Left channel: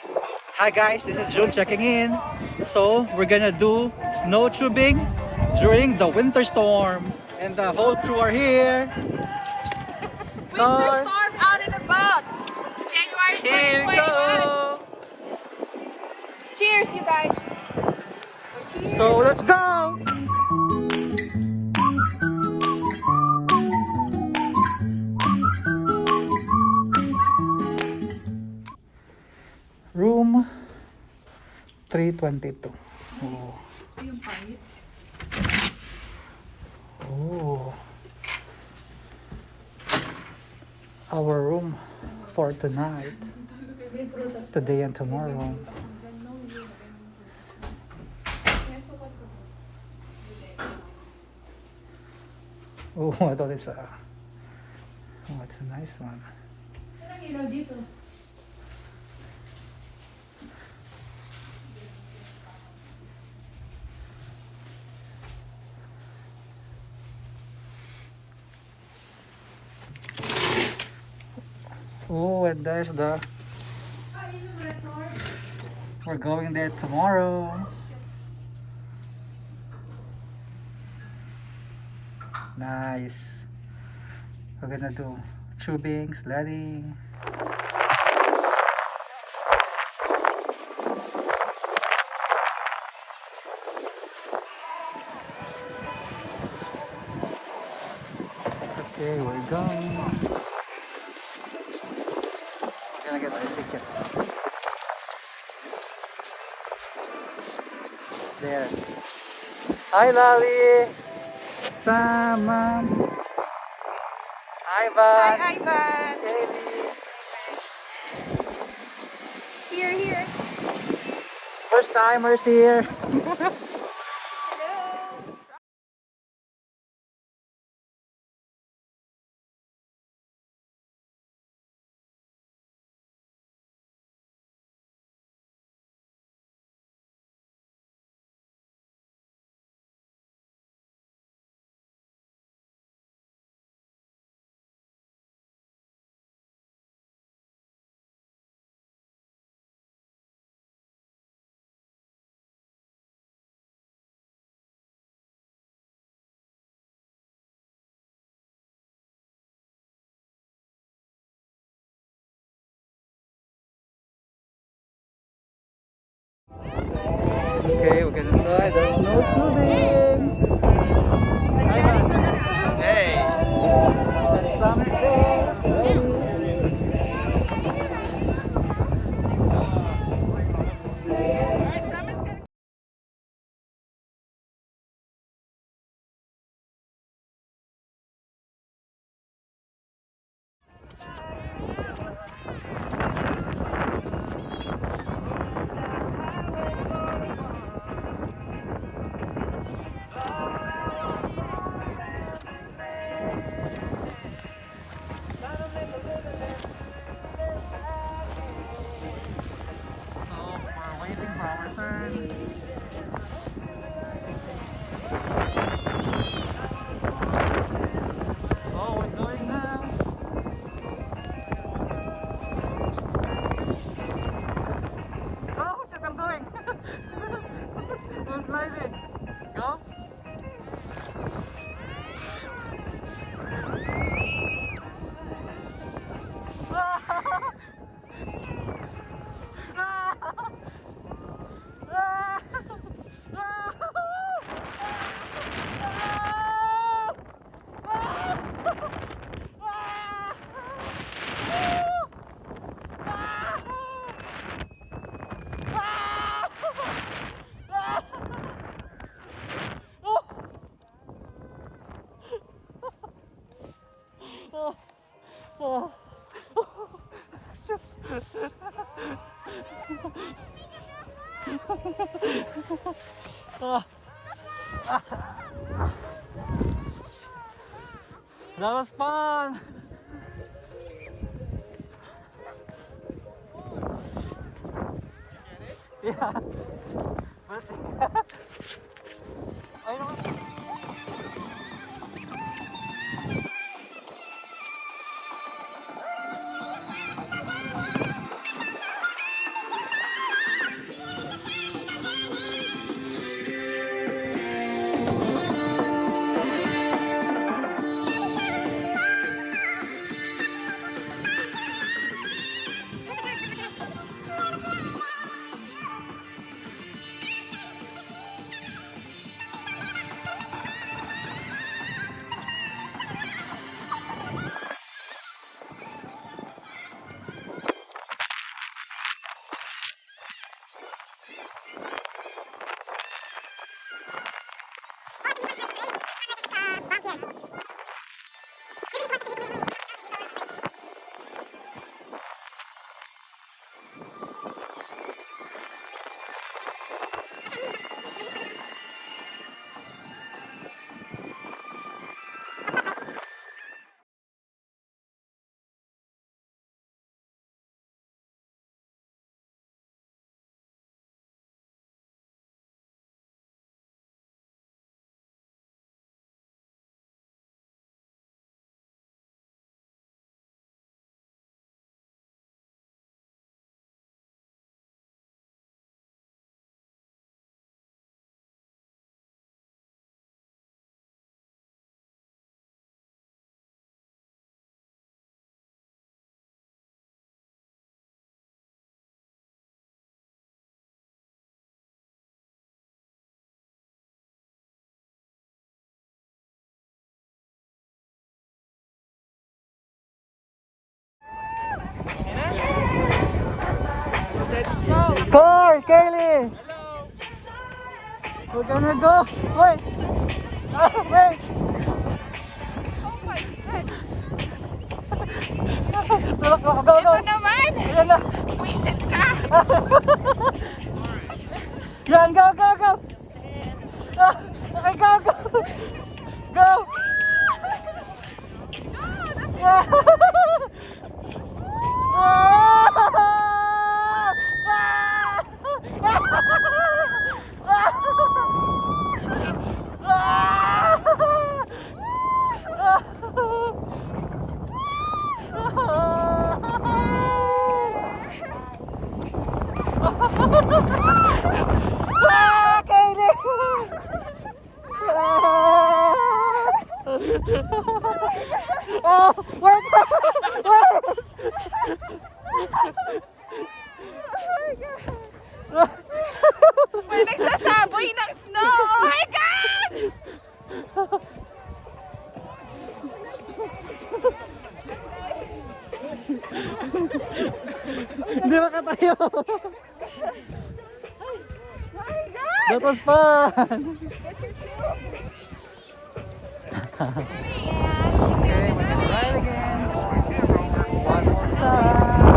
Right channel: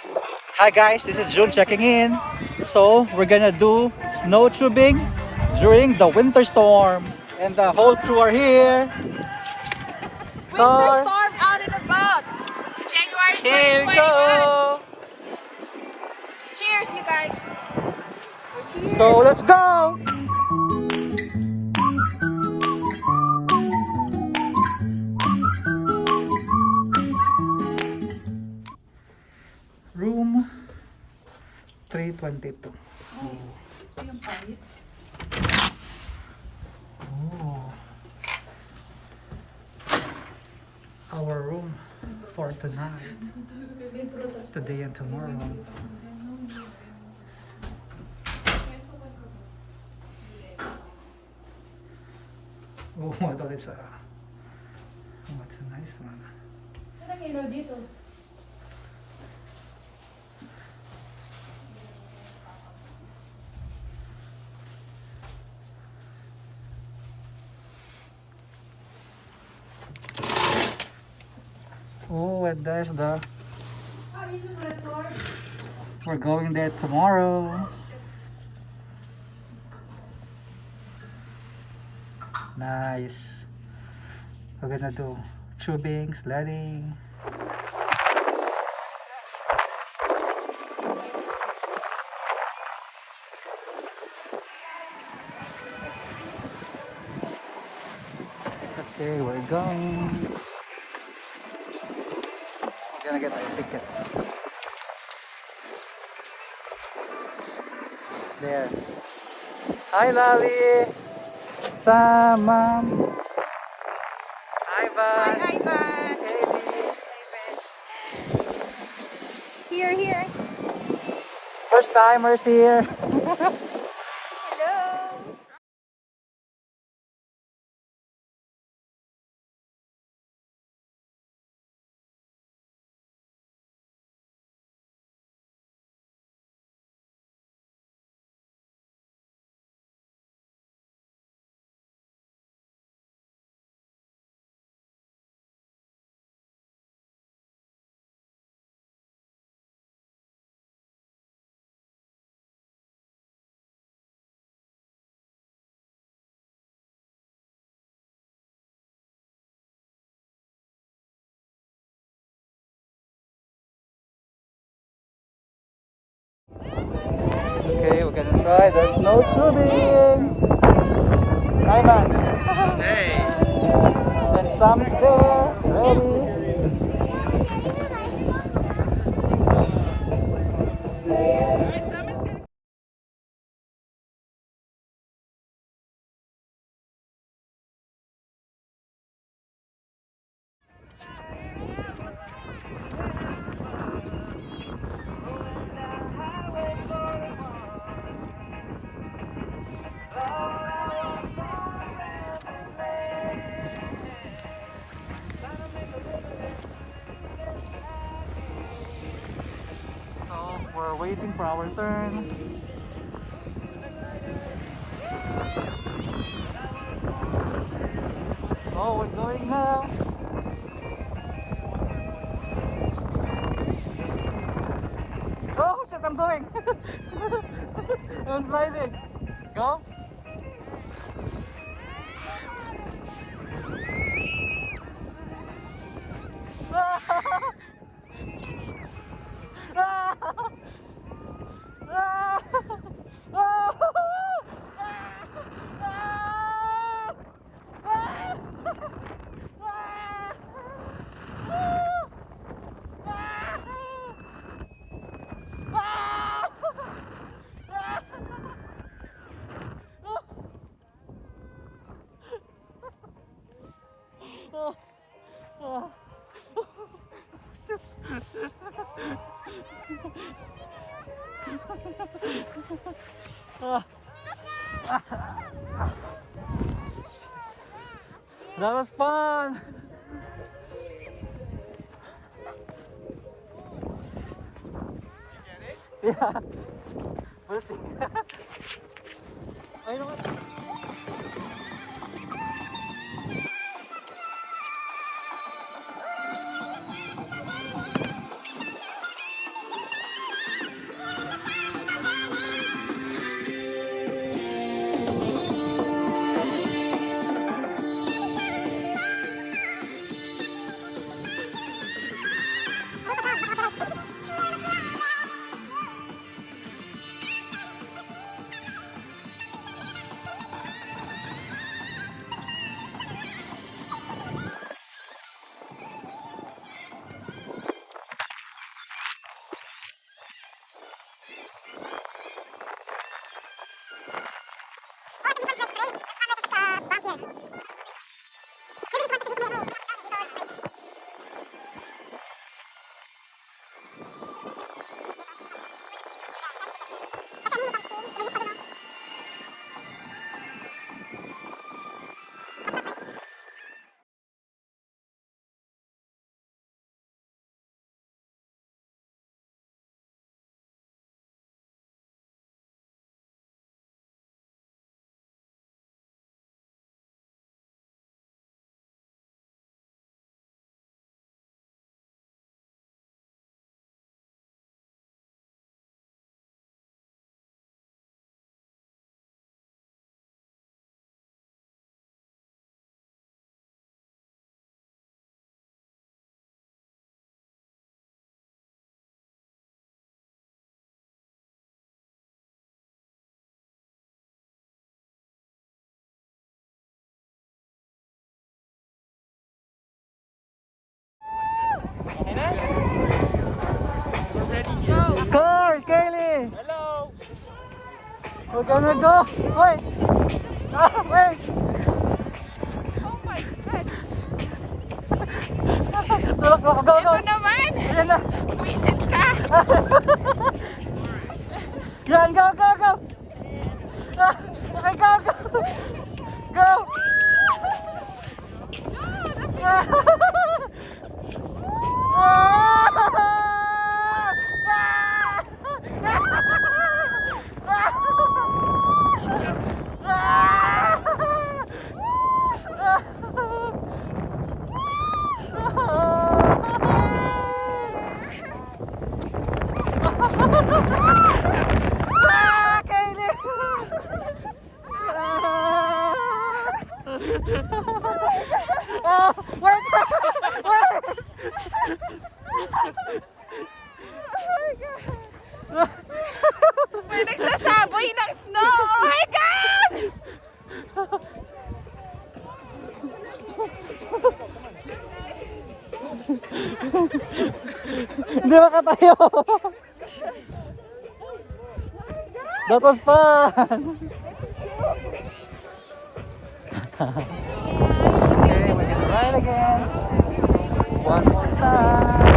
Hi guys, this is June checking in. So we're gonna do snow tubing during the winter storm, and the whole crew are here. Winter storm out and about. January Here we 2021. go. Cheers, you guys. So let's go. Room 322. Oh. Oh. Our room for tonight, today and tomorrow. Oh, I thought it's a nice one. Oh, and there's the. We're going there tomorrow. Nice. We're gonna do tubing, sledding. Okay, we're going. We're gonna get our tickets. There. Hi, Lali. Samam. Ivan. Hi, Ivan. Kaylee. Here. First timers here. Hello. Okay, we're gonna try the snow tubing. Ivan. Hey. And Sam's there. Ready. So we're waiting for our turn. Oh, we're going now. Oh shit, I'm doing. I'm sliding. Go. That was fun. Yeah. We'll see. I know. Car, Kaylee. We're gonna go. Wait. Wait. Oh my God! Tulak, go, go. Ito naman! Ayan na. Wisit ka! Yan, go, go, go. Okay, go, go. Go. Oh, wait! May nagsasaboy ng snow! Oh my God! Hindi makatayo. That was fun. Okay, we can ride again. One more time.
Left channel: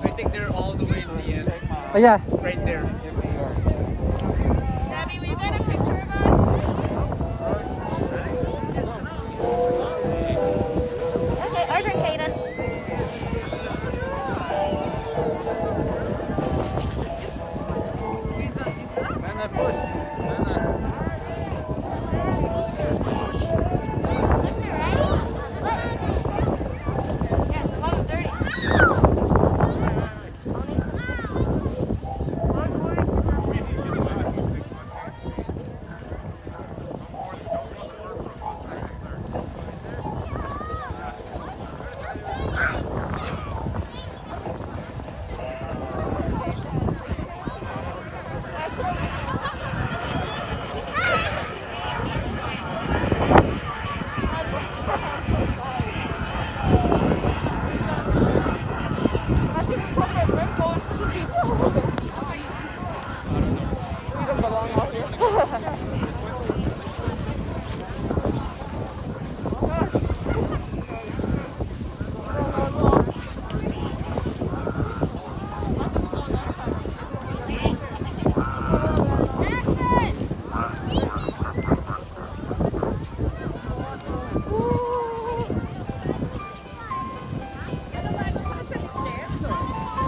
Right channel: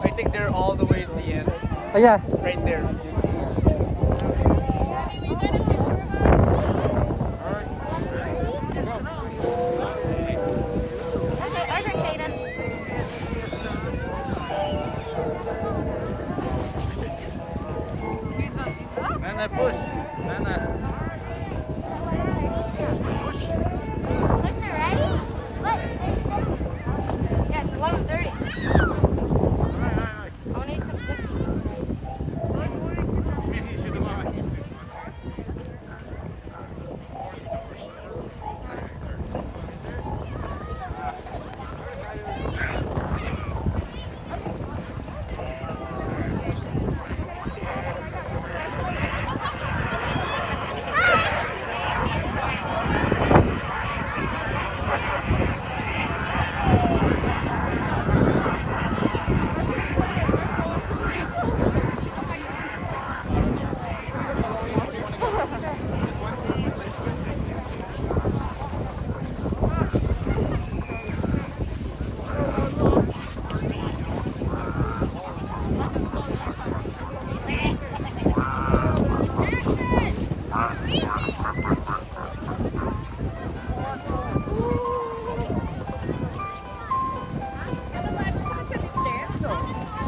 I think they're all the way to the end. Oh yeah. Right there. Daddy, will you get a picture of us? Order, Kaden. Nana, push. Nana.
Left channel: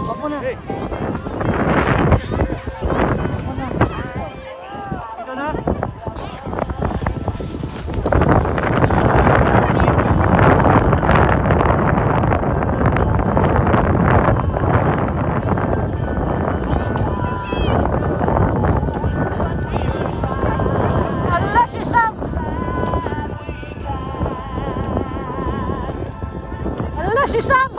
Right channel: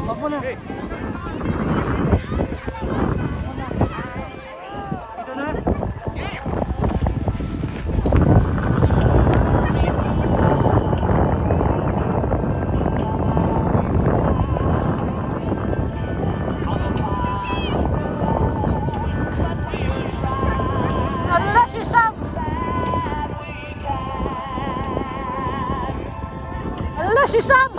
Ako na. Ito na. Ala si Sam! Ala si Sam!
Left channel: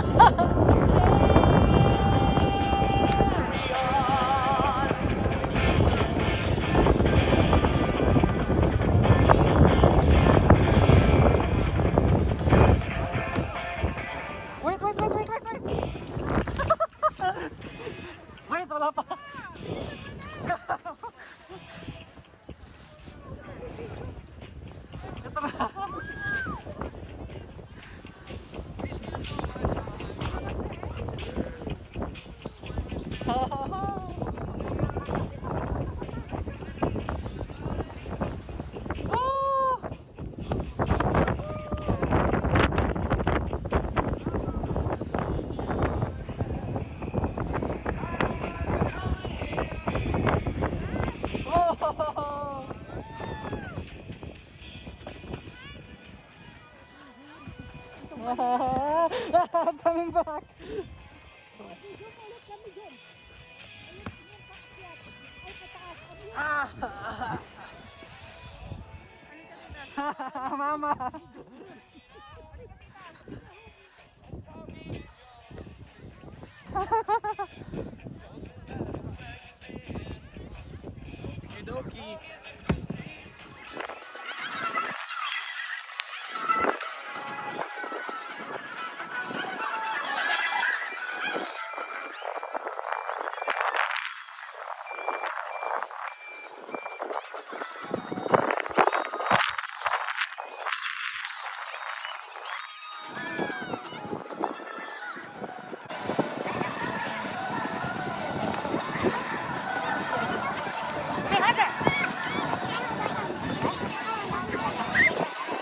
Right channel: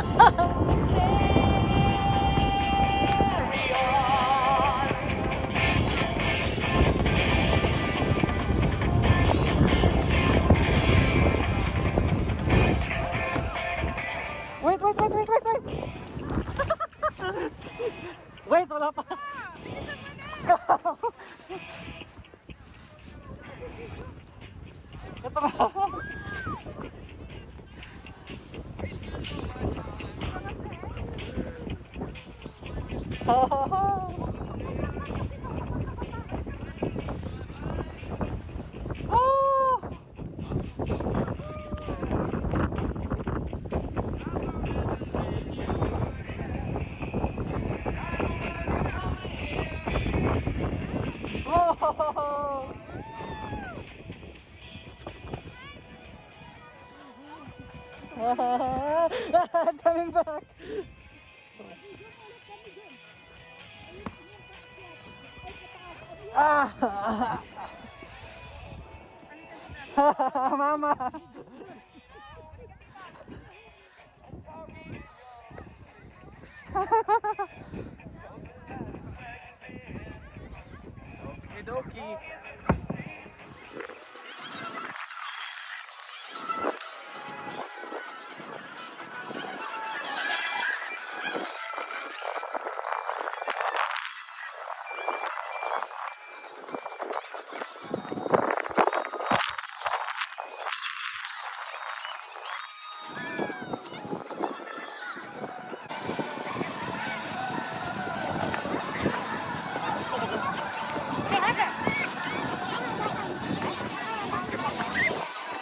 Wait, wait, wait, wait, wait, wait! Wait, wala pa! Ito na! Oh! Oh! Coming back. Ah. Mama. Okie dokie.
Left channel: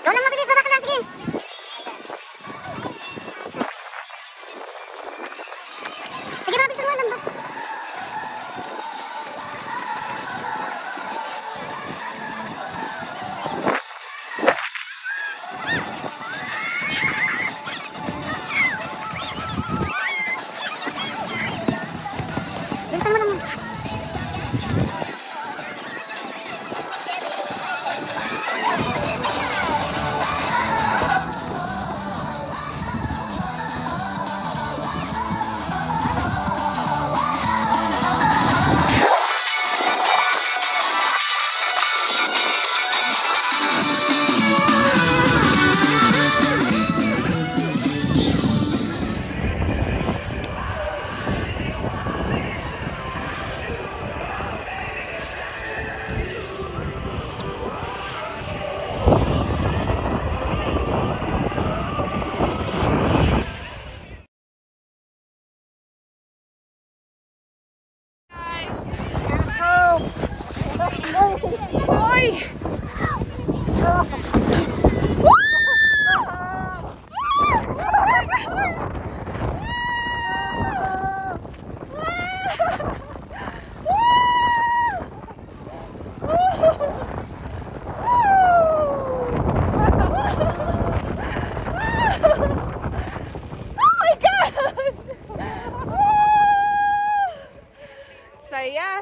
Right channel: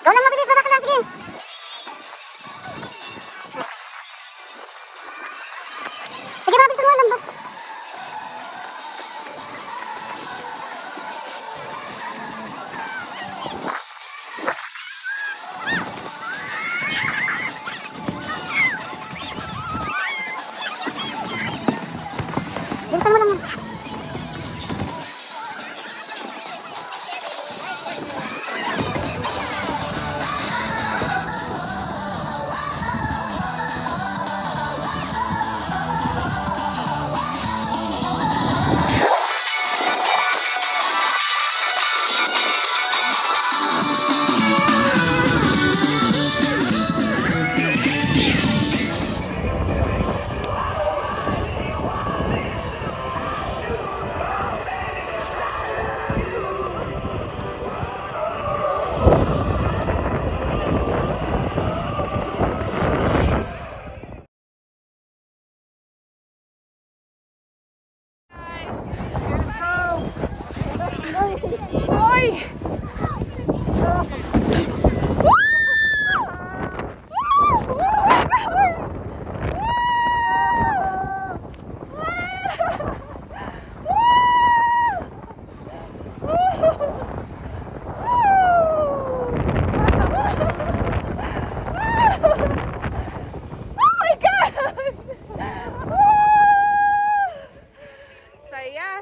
Go lang mabilis, baba ka lang, sige. Sige, mabilis mo, lambot. Bilisan mo lang yan. Hoy! Saya.